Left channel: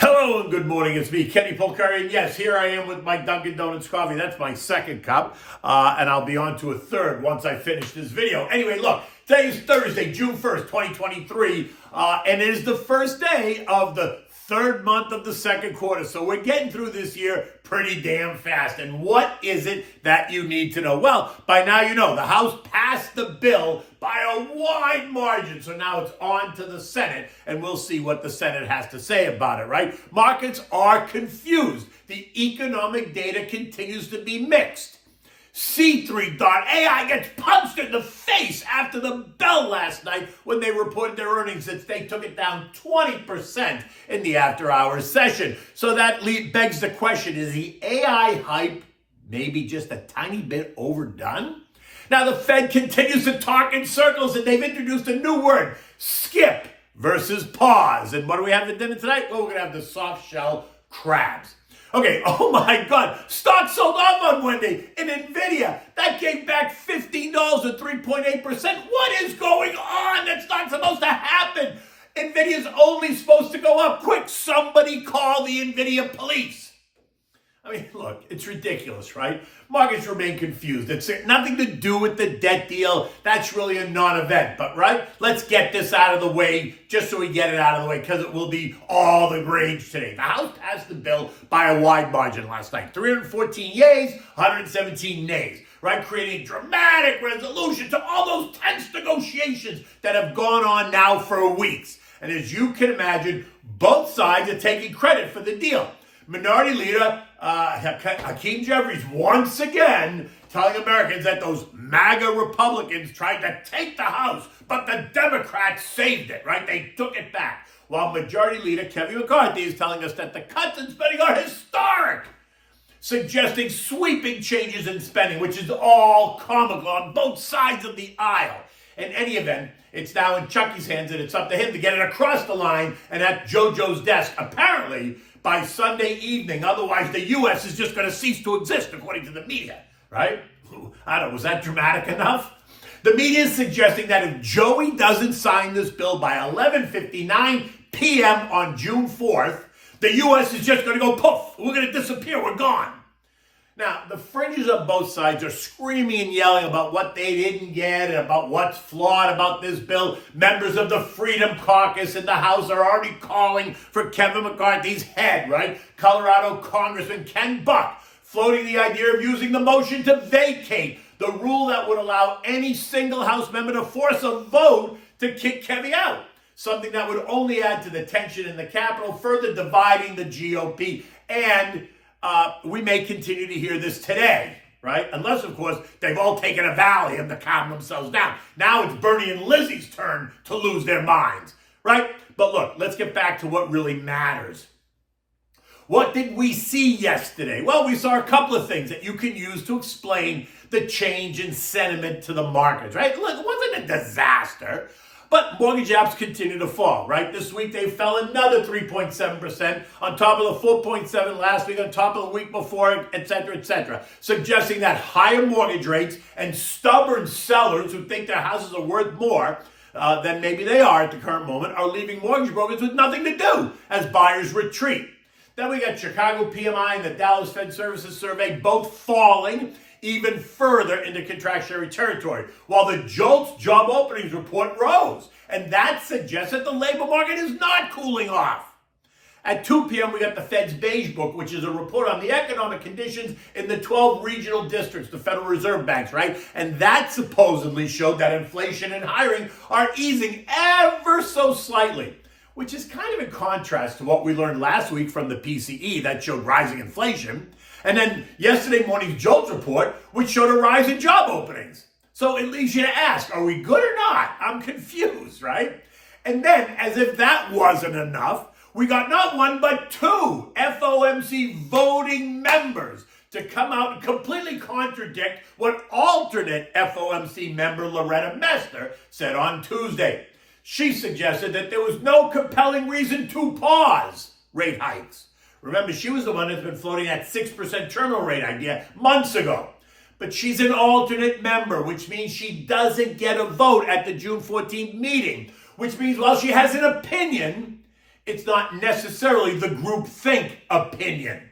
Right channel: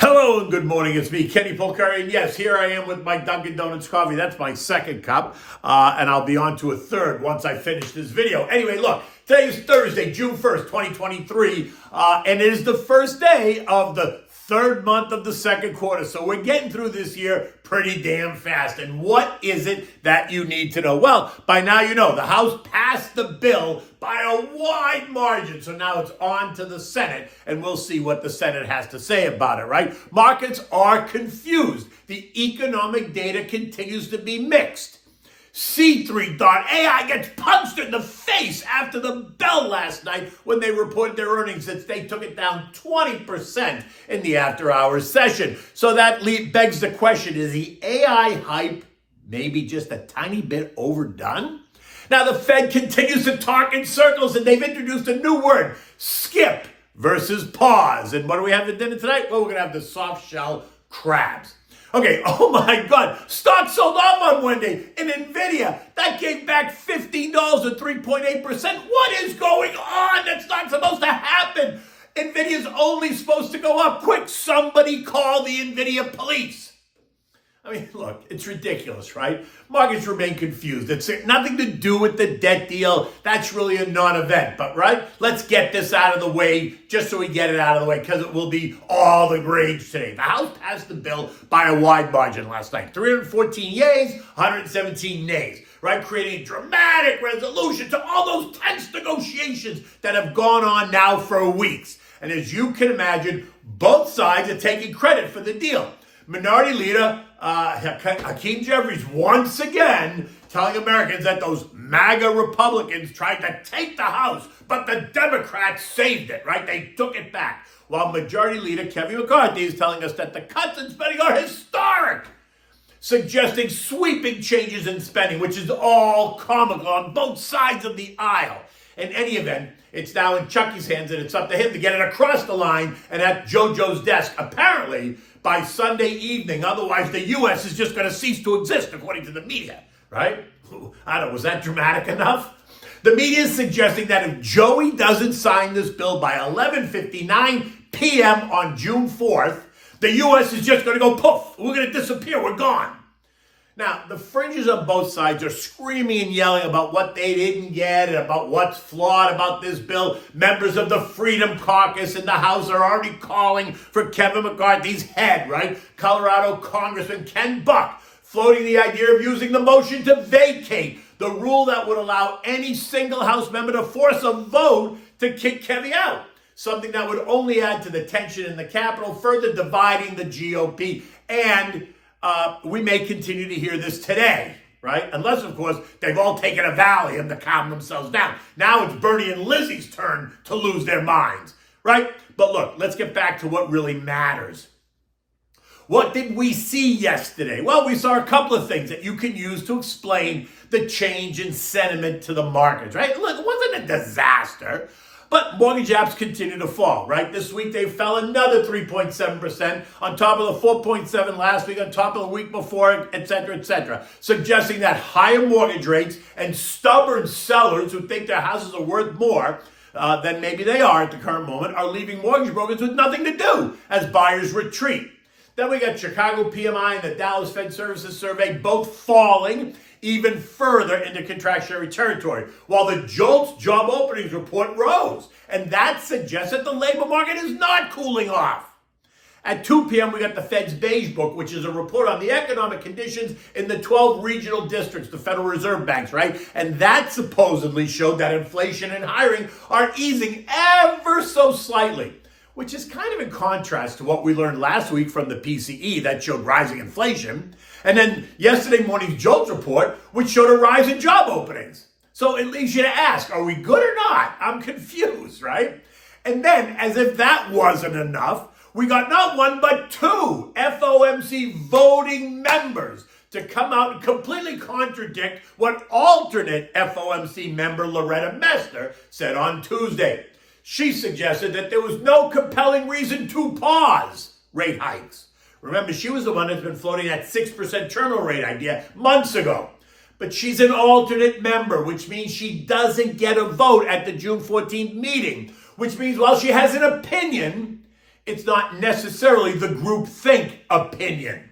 Hello and good morning. It's me, Kenny Polcari. And yes, here I am with my Dunkin' Donuts coffee. That's my second cup. And I'll be on to a third once I finish this video. Anyway, look, today is Thursday, June 1st, 2023. And it is the first day of the third month of the second quarter. So we're getting through this year pretty damn fast. And what is it that you need to know? Well, by now you know the House passed the bill by a wide margin. So now it's on to the Senate, and we'll see what the Senate has to say about it, right? Markets are confused. The economic data continues to be mixed. C3.ai gets punched in the face after the bell last night when they reported their earnings that they took it down 20% in the after-hours session. So that begs the question, is the AI hype maybe just a tiny bit overdone? Now the Fed continues to talk in circles, and they've introduced a new word, skip versus pause. And what do we have for dinner tonight? Well, we're going to have the soft shell crabs. Okay, oh my God, stock sold off on Wednesday in NVIDIA. That gave back $15 or 3.8%. What is going on? That's not supposed to happen. NVIDIA's only supposed to go up. Quick, somebody call the NVIDIA police. I mean, look, it's ridiculous, right? Markets remain confused. It's nothing to do with the debt deal. That's really a non-event, but right? Let's get this out of the way just so we get it out of the way because it will be all the rage today. The House passed the bill by a wide margin last night. 314 yeas, 117 nays, right? Creating a dramatic resolution to all those tense negotiations that have gone on now for weeks. And as you can imagine, both sides are taking credit for the deal. Minority Leader Hakeem Jeffries once again telling Americans that those MAGA Republicans tried to take the House, but the Democrats saved it, right? They took it back. While Majority Leader Kevin McCarthy is telling us that the cuts in spending are historic, suggesting sweeping changes in spending, which is all comical on both sides of the aisle. In any event, it's now in Chucky's hands, and it's up to him to get it across the line and at JoJo's desk, apparently by Sunday evening. Otherwise, the U.S. is just going to cease to exist, according to the media, right? I don't know, was that dramatic enough? The media is suggesting that if Joey doesn't sign this bill by 11:59 p.m. on June 4th, the U.S. is just going to go poof. We're going to disappear. We're gone. Now, the fringes on both sides are screaming and yelling about what they didn't get and about what's flawed about this bill. Members of the Freedom Caucus in the House are already calling for Kevin McCarthy's head, right? Colorado Congressman Ken Buck floating the idea of using the motion to vacate the rule that would allow any single House member to force a vote to kick Kevin out. Something that would only add to the tension in the Capitol, further dividing the GOP. And we may continue to hear this today, right? Unless, of course, they've all taken a Valium to calm themselves down. Now it's Bernie and Lizzie's turn to lose their minds, right? But look, let's get back to what really matters. What did we see yesterday? Well, we saw a couple of things that you can use to explain the change in sentiment to the markets, right? Look, it wasn't a disaster. But mortgage apps continue to fall, right? This week they fell another 3.7% on top of the 4.7 last week, on top of the week before, et cetera, suggesting that higher mortgage rates and stubborn sellers who think their houses are worth more than maybe they are at the current moment are leaving mortgage brokers with nothing to do as buyers retreat. Then we got Chicago PMI and the Dallas Fed Services Survey both falling even further into contractionary territory, while the JOLTS job openings report rose. And that suggests that the labor market is not cooling off. At 2 p.m., we got the Fed's Beige Book, which is a report on the economic conditions in the 12 regional districts, the Federal Reserve banks, right? And that supposedly showed that inflation and hiring are easing ever so slightly, which is kind of in contrast to what we learned last week from the PCE that showed rising inflation. And then yesterday morning's JOLTS report, which showed a rise in job openings. So it leaves you to ask, are we good or not? I'm confused, right? And then, as if that wasn't enough, we got not one but two FOMC voting members to come out and completely contradict what alternate FOMC member Loretta Mester said on Tuesday. She suggested that there was no compelling reason to pause rate hikes. Remember, she was the one that's been floating that 6% terminal rate idea months ago. But she's an alternate member, which means she doesn't get a vote at the June 14th meeting, which means while she has an opinion, It's not necessarily the groupthink opinion.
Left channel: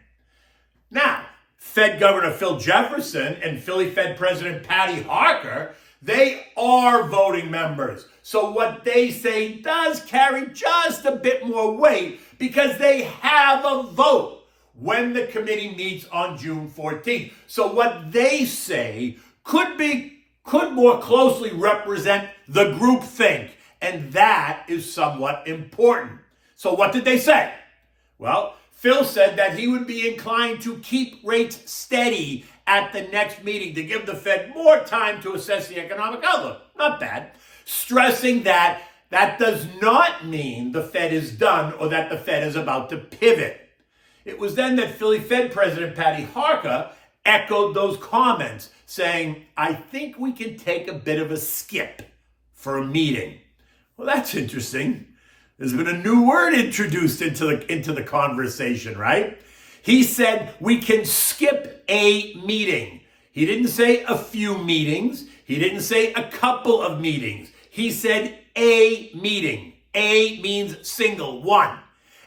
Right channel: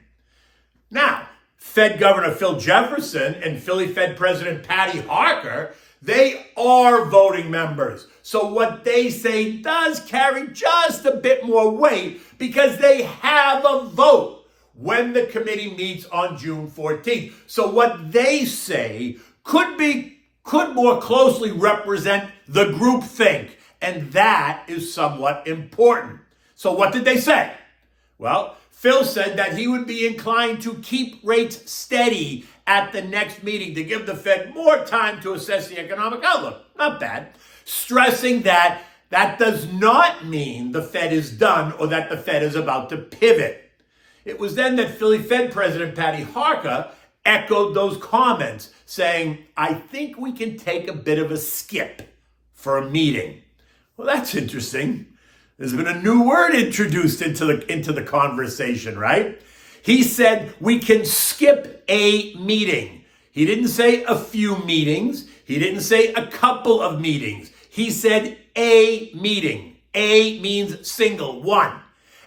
Now, Fed Governor Phil Jefferson and Philly Fed President Patty Harker, they are voting members. So what they say does carry just a bit more weight because they have a vote when the committee meets on June 14th. So what they say could more closely represent the groupthink, and that is somewhat important. So what did they say? Well, Phil said that he would be inclined to keep rates steady at the next meeting to give the Fed more time to assess the economic outlook. Not bad. Stressing that that does not mean the Fed is done or that the Fed is about to pivot. It was then that Philly Fed President Patty Harker echoed those comments, saying, I think we can take a bit of a skip for a meeting. Well, that's interesting. There's been a new word introduced into the conversation, right? He said we can skip a meeting. He didn't say a few meetings. He didn't say a couple of meetings. He said a meeting. A means single, one.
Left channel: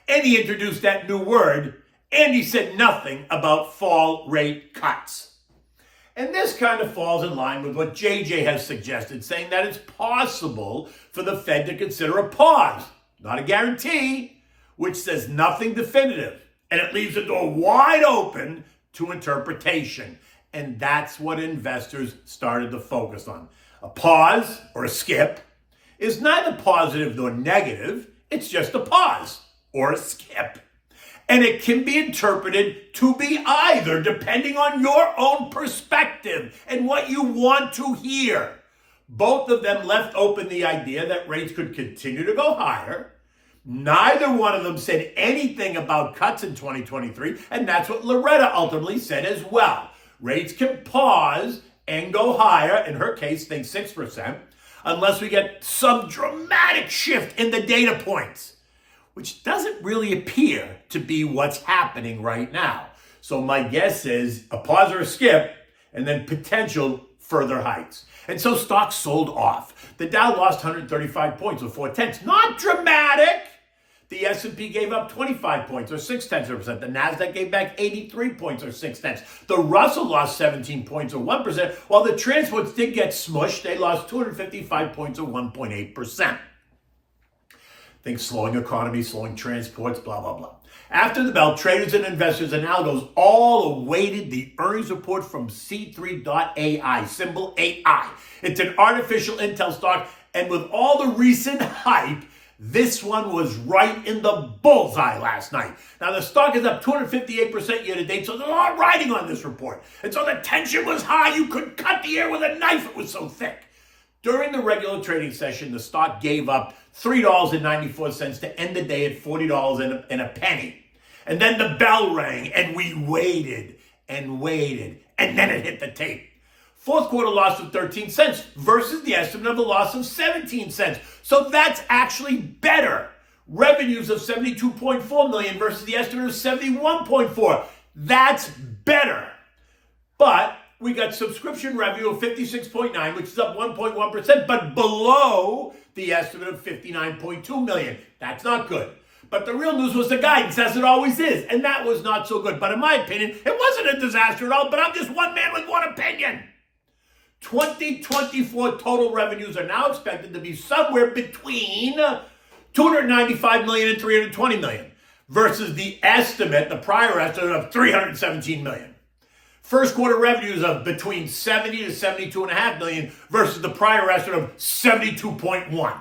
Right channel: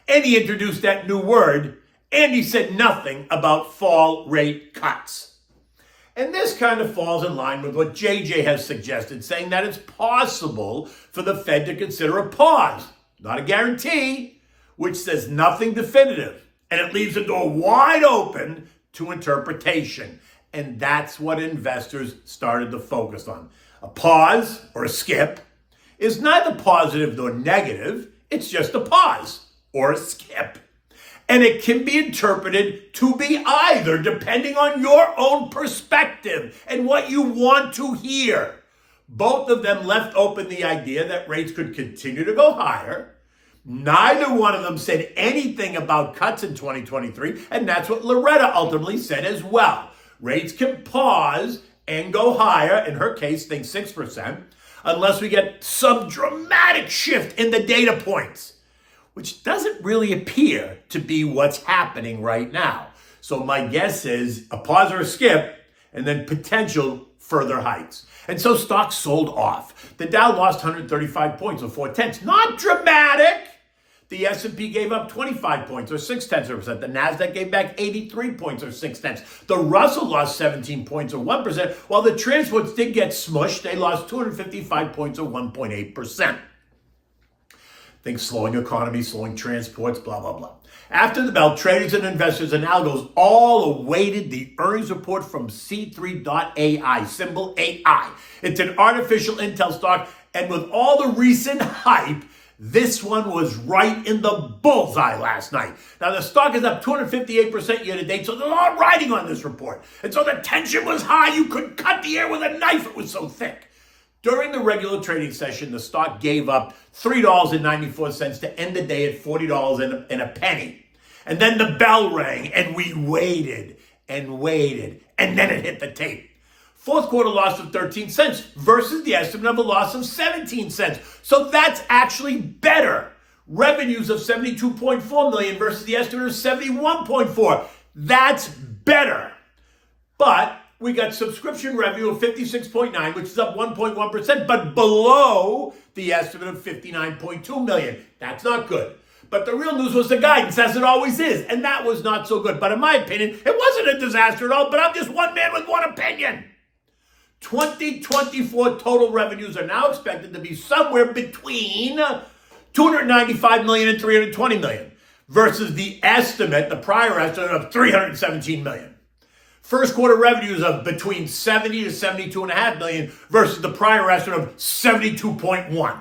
And he introduced that new word, and he said nothing about fall rate cuts. And this kind of falls in line with what JJ has suggested, saying that it's possible for the Fed to consider a pause, not a guarantee, which says nothing definitive. And it leaves the door wide open to interpretation. And that's what investors started to focus on. A pause or a skip is neither positive nor negative. It's just a pause or a skip. And it can be interpreted to be either, depending on your own perspective and what you want to hear. Both of them left open the idea that rates could continue to go higher. Neither one of them said anything about cuts in 2023, and that's what Loretta ultimately said as well. Rates can pause and go higher, in her case, think 6%, unless we get some dramatic shift in the data points, which doesn't really appear to be what's happening right now. So my guess is a pause or a skip, and then potential further hikes. And so stocks sold off. The Dow lost 135 points or 0.4. Not dramatic. The S&P gave up 25 points or 0.6%. The Nasdaq gave back 83 points or 0.6. The Russell lost 17 points or 1%, while the transports did get smushed. They lost 255 points or 1.8%. Think slowing economy, slowing transports, blah, blah, blah. After the bell, traders and investors and algos all awaited the earnings report from C3.ai, symbol AI. It's an artificial intel stock, and with all the recent hype, this one was right in the bullseye last night. Now, the stock is up 258% year to date, so there's a lot riding on this report. And so the tension was high. You could cut the air with a knife. It was so thick. During the regular trading session, the stock gave up $3.94 to end the day at $40 and a penny. And then the bell rang, and we waited, and then it hit the tape. Fourth quarter loss of 13 cents versus the estimate of a loss of 17 cents. So that's actually better. Revenues of $72.4 million versus the estimate of $71.4. That's better. But we got subscription revenue of 56.9, which is up 1.1%, but below the estimate of 59.2 million. That's not good. But the real news was the guidance, as it always is, and that was not so good. But in my opinion, it wasn't a disaster at all, but I'm just one man with one opinion. 2024 total revenues are now expected to be somewhere between 295 million and 320 million versus the estimate, the prior estimate of 317 million. First quarter revenues of between 70 to 72.5 million versus the prior estimate of 72.1.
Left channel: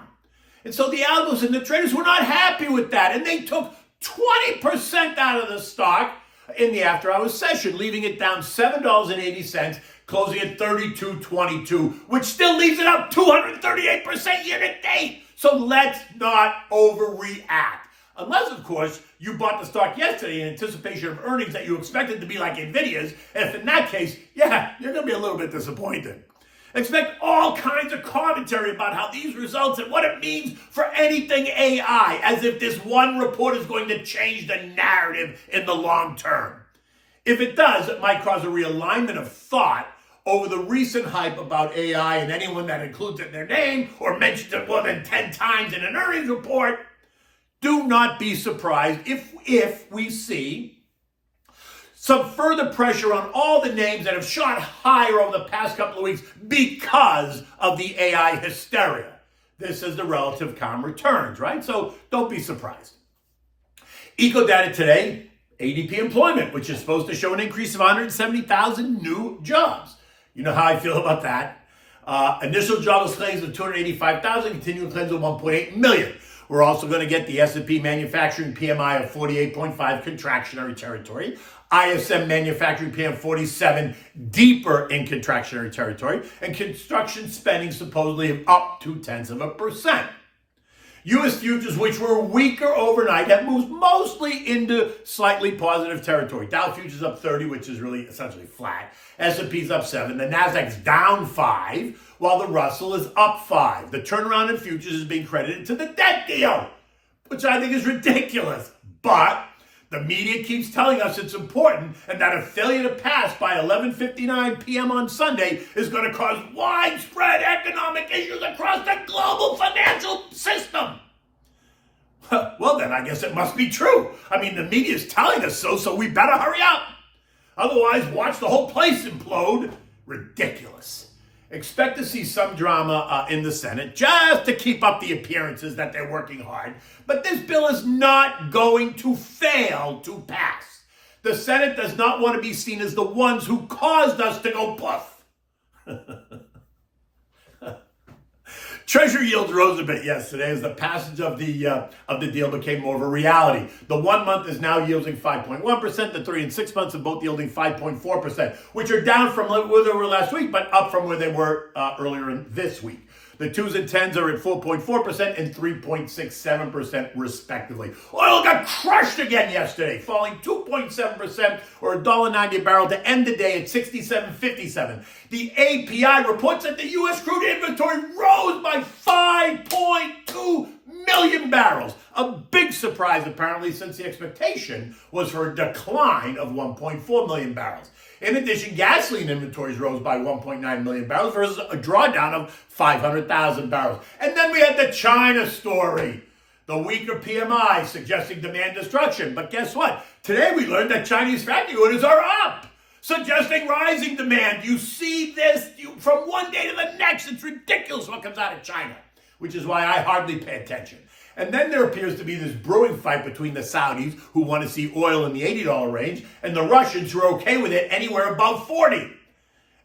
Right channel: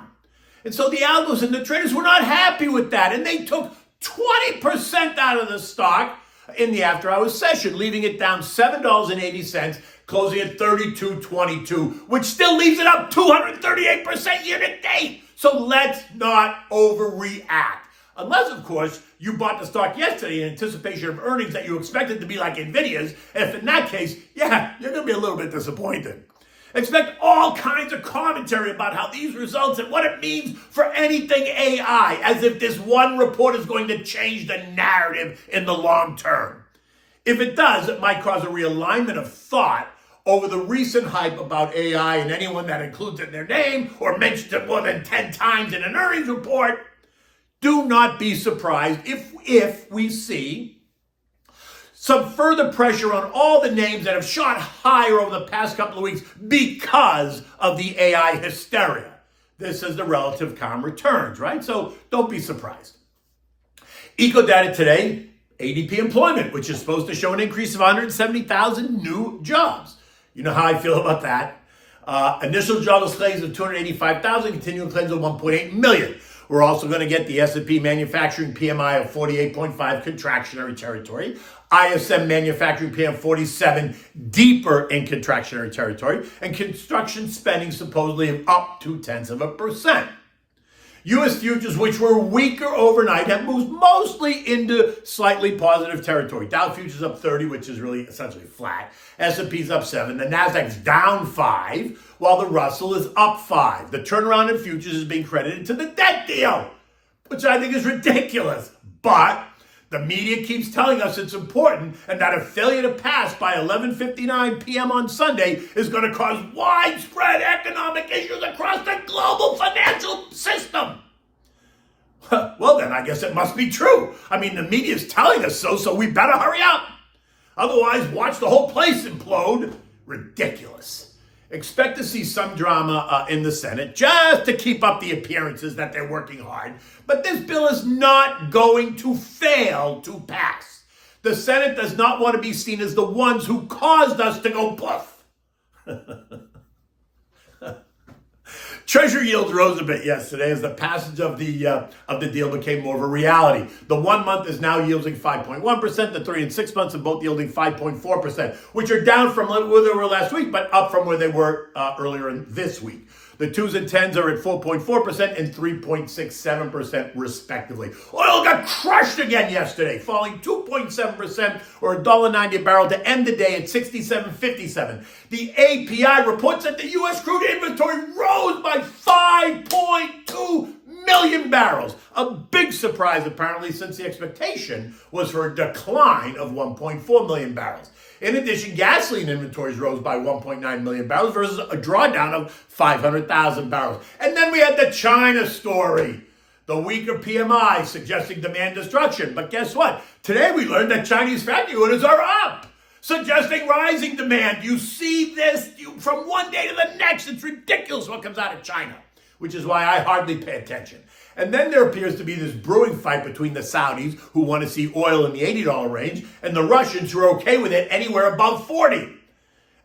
And so the algos and the traders were not happy with that, and they took 20% out of the stock in the after-hours session, leaving it down $7.80, closing at $32.22, which still leaves it up 238% year to date. So let's not overreact. Unless, of course, you bought the stock yesterday in anticipation of earnings that you expected to be like NVIDIA's. If in that case, yeah, you're going to be a little bit disappointed. Expect all kinds of commentary about how these results and what it means for anything AI, as if this one report is going to change the narrative in the long term. If it does, it might cause a realignment of thought over the recent hype about AI, and anyone that includes it in their name or mentions it more than 10 times in an earnings report do not be surprised if we see some further pressure on all the names that have shot higher over the past couple of weeks because of the AI hysteria. This is the relative calm returns, right? So don't be surprised. Eco data today, ADP employment, which is supposed to show an increase of 170,000 new jobs. You know how I feel about that. Initial jobless claims of 285,000, continuing claims of 1.8 million. We're also going to get the S&P manufacturing PMI of 48.5, contractionary territory. ISM manufacturing PM 47, deeper in contractionary territory. And construction spending supposedly up 0.2%. U.S. futures, which were weaker overnight, have moved mostly into slightly positive territory. Dow futures up 30, which is really essentially flat. S&P's up 7. The Nasdaq's down 5, while the Russell is up 5. The turnaround in futures is being credited to the debt deal, which I think is ridiculous. But the media keeps telling us it's important and that a failure to pass by 11:59 p.m. on Sunday is going to cause widespread economic issues across the global financial system. Well, then I guess it must be true. I mean, the media is telling us so we better hurry up. Otherwise, watch the whole place implode. Ridiculous. Expect to see some drama in the Senate just to keep up the appearances that they're working hard. But this bill is not going to fail to pass. The Senate does not want to be seen as the ones who caused us to go poof. Treasury yields rose a bit yesterday as the passage of the deal became more of a reality. The 1 month is now yielding 5.1%. The 3 and 6 months are both yielding 5.4%, which are down from where they were last week, but up from where they were earlier in this week. The 2s and 10s are at 4.4% and 3.67% respectively. Oil got crushed again yesterday, falling 2.7% or $1.90 a barrel to end the day at $67.57. The API reports that the U.S. crude inventory rose by 5.2 million barrels. A big surprise, apparently, since the expectation was for a decline of 1.4 million barrels. In addition, gasoline inventories rose by 1.9 million barrels versus a drawdown of 500,000 barrels. And then we had the China story. The weaker PMI suggesting demand destruction. But guess what? Today we learned that Chinese factory orders are up, suggesting rising demand. You see this from one day to the next. It's ridiculous what comes out of China, which is why I hardly pay attention. And then there appears to be this brewing fight between the Saudis, who want to see oil in the $80 range, and the Russians, who are okay with it anywhere above 40.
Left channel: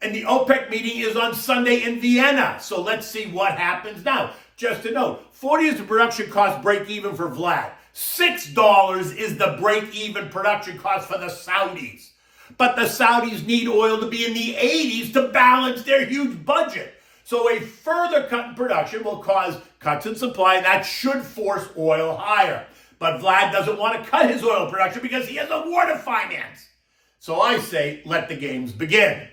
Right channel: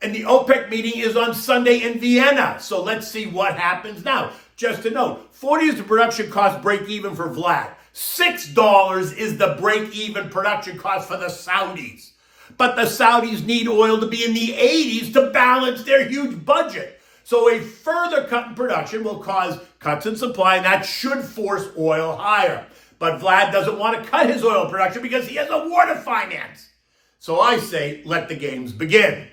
And the OPEC meeting is on Sunday in Vienna. So let's see what happens now. Just to note, 40 is the production cost break even for Vlad. $6 is the break even production cost for the Saudis. But the Saudis need oil to be in the 80s to balance their huge budget. So a further cut in production will cause cuts in supply, and that should force oil higher. But Vlad doesn't want to cut his oil production because he has a war to finance. So I say, let the games begin.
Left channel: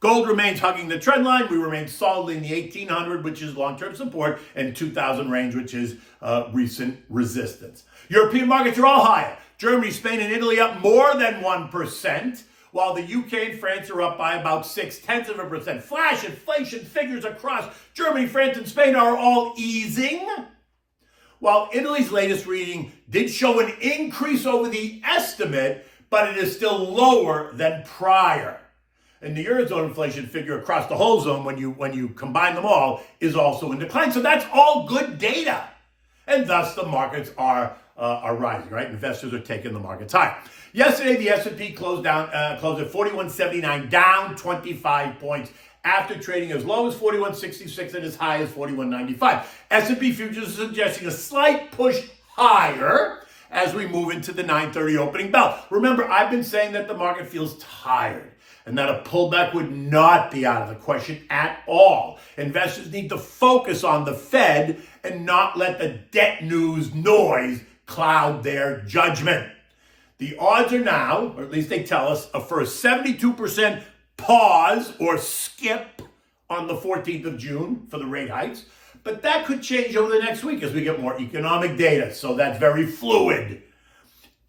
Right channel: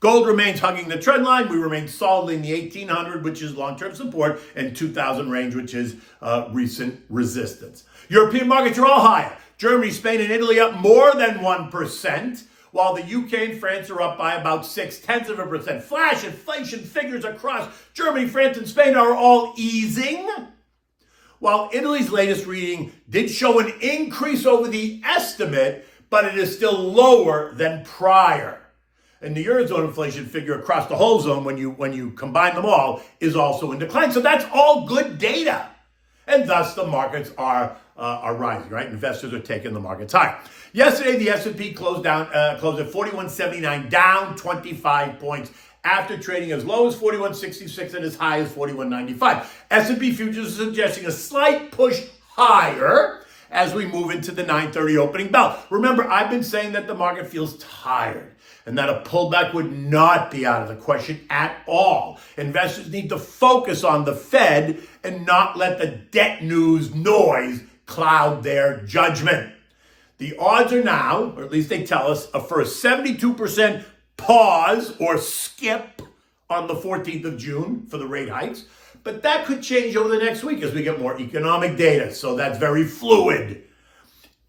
Gold remains hugging the trend line. We remain solidly in the 1800, which is long-term support, and 2000 range, which is recent resistance. European markets are all higher. Germany, Spain, and Italy up more than 1%. While the UK and France are up by about 0.6%. Flash inflation figures across Germany, France, and Spain are all easing. While Italy's latest reading did show an increase over the estimate, but it is still lower than prior. And the Eurozone inflation figure across the whole zone, when you combine them all, is also in decline. So that's all good data. And thus the markets are rising, right? Investors are taking the markets higher. Yesterday, the S&P closed at 4179, down 25 points, after trading as low as 4166 and as high as 4195. S&P futures are suggesting a slight push higher as we move into the 9:30 opening bell. Remember, I've been saying that the market feels tired and that a pullback would not be out of the question at all. Investors need to focus on the Fed and not let the debt news noise cloud their judgment. The odds are now, or at least they tell us, for a 72% pause or skip on the 14th of June for the rate hikes. But that could change over the next week as we get more economic data. So that's very fluid.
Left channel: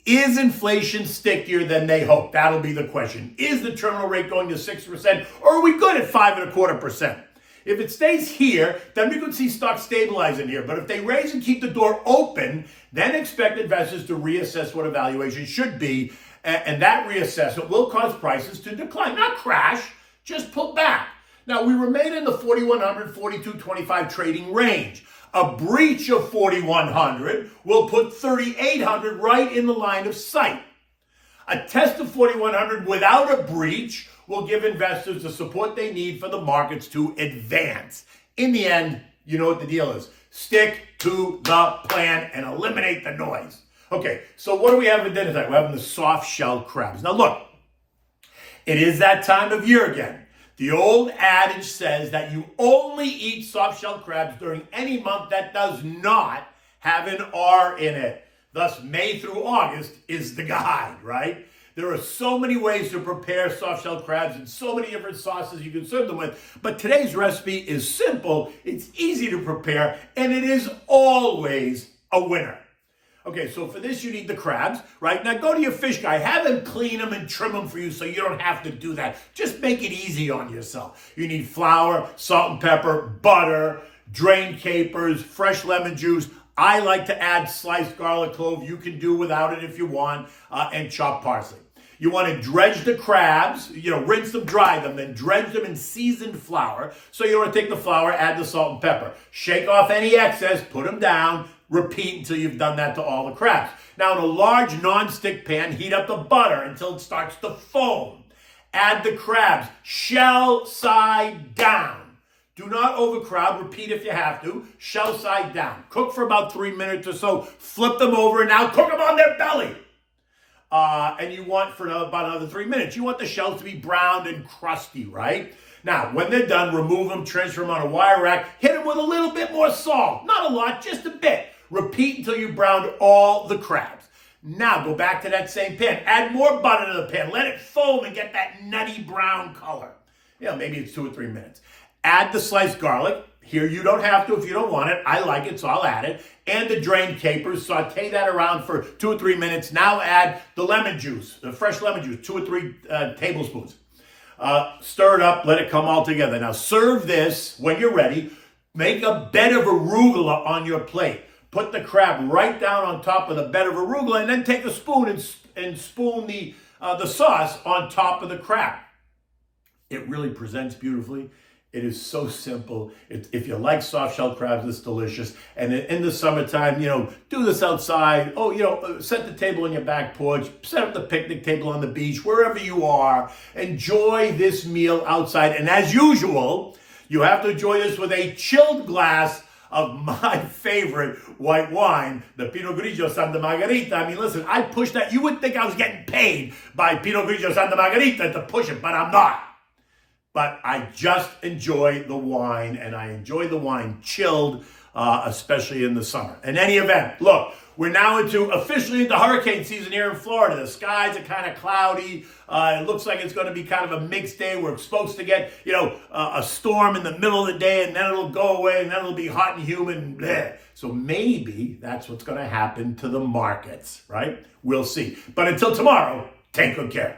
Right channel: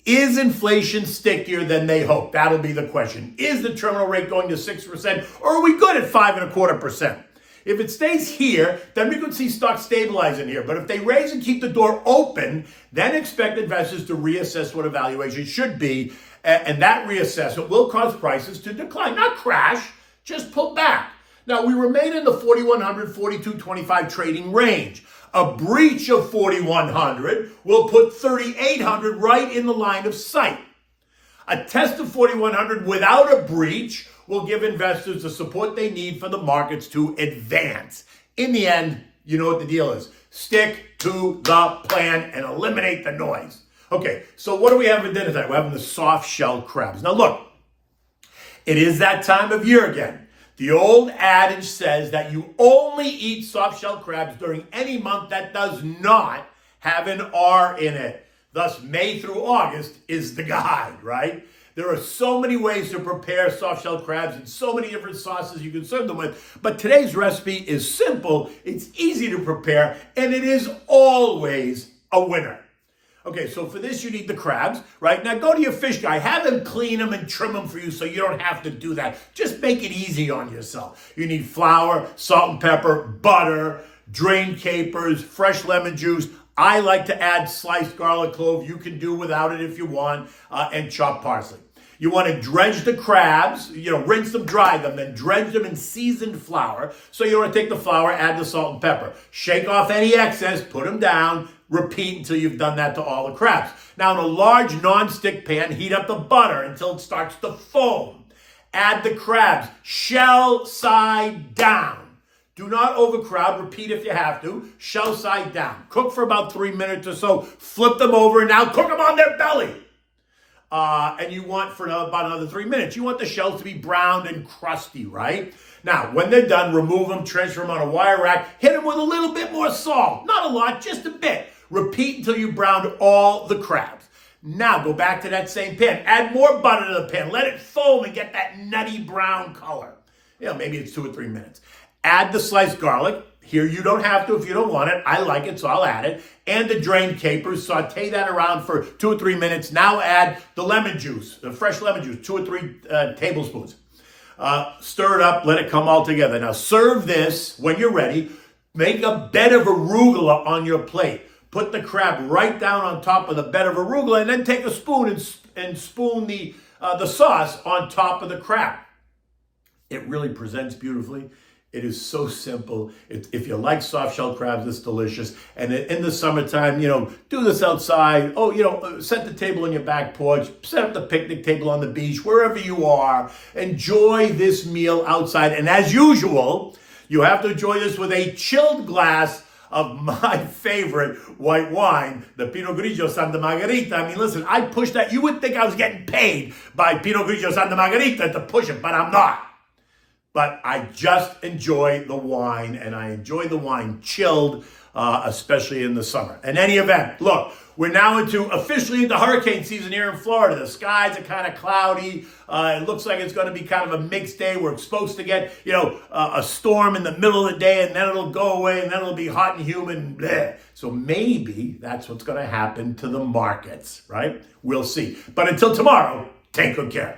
Is inflation stickier than they hope? That'll be the question. Is the terminal rate going to 6%, or are we good at 5.25%? If it stays here, then we could see stocks stabilizing here. But if they raise and keep the door open, then expect investors to reassess what a valuation should be. And that reassessment will cause prices to decline, not crash, just pull back. Now, we remain in the 4,100, 4,225 trading range. A breach of 4,100 will put 3,800 right in the line of sight. A test of 4,100 without a breach will give investors the support they need for the markets to advance. In the end, you know what the deal is. Stick to the plan and eliminate the noise. Okay, so what do we have for dinner tonight? We're having the soft shell crabs. Now look, it is that time of year again. The old adage says that you only eat soft shell crabs during any month that does not have an R in it. Thus, May through August is the guide, right? There are so many ways to prepare soft-shell crabs and so many different sauces you can serve them with. But today's recipe is simple, it's easy to prepare, and it is always a winner. Okay, so for this you need the crabs, right? Now go to your fish guy, have him clean them and trim them for you so you don't have to do that. Just make it easy on yourself. You need flour, salt and pepper, butter, drained capers, fresh lemon juice. I like to add sliced garlic clove. You can do without it if you want, and chopped parsley. You want to dredge the crabs, rinse them, dry them, then dredge them in seasoned flour. So you want to take the flour, add the salt and pepper. Shake off any excess, put them down, repeat until you've done that to all the crabs. Now in a large non-stick pan, heat up the butter until it starts to foam. Add the crabs, shell side down. Do not overcrowd, repeat if you have to, shell side down. Cook for about 3 minutes or so, flip them over, and now cook them on their belly. And you want for about another 3 minutes. You want the shells to be browned and crusty, right? Now, when they're done, remove them, transfer them on a wire rack, hit them with a little bit more salt. Not a lot, just a bit. Repeat until you browned all the crabs. Now, go back to that same pan. Add more butter to the pan. Let it foam and get that nutty brown color. Maybe it's 2 or 3 minutes. Add the sliced garlic. Here, you don't have to if you don't want it. I like it, so I'll add it. And the drained capers. Saute that around for 2 or 3 minutes. Now add the lemon juice, the fresh lemon juice, 2 or 3 tablespoons. Stir it up, let it come all together. Now serve this when you're ready. Make a bed of arugula on your plate. Put the crab right down on top of the bed of arugula, and then take a spoon and spoon the sauce on top of the crab. It really presents beautifully. It is so simple. If you like soft-shell crabs, it's delicious. And in the summertime, do this outside. Set the table on your back porch. Set up the picnic table on the beach, wherever you are. Enjoy this meal outside. And as usual, you have to enjoy this with a chilled glass of my favorite white wine, the Pinot Grigio Santa Margherita. I mean, listen, I pushed that. You would think I was getting paid by Pinot Grigio Santa Margherita to push it, but I'm not. But I just enjoy the wine, and I enjoy the wine chilled, especially in the summer. In any event, look, we're now officially into hurricane season here in Florida. The skies are kind of cloudy. It looks like it's going to be kind of a mixed day. We're supposed to get, a storm in the middle of the day, and then it'll go away, and then it'll be hot and humid. And bleh. So maybe that's what's going to happen to the markets, right? We'll see. But until tomorrow, take good care.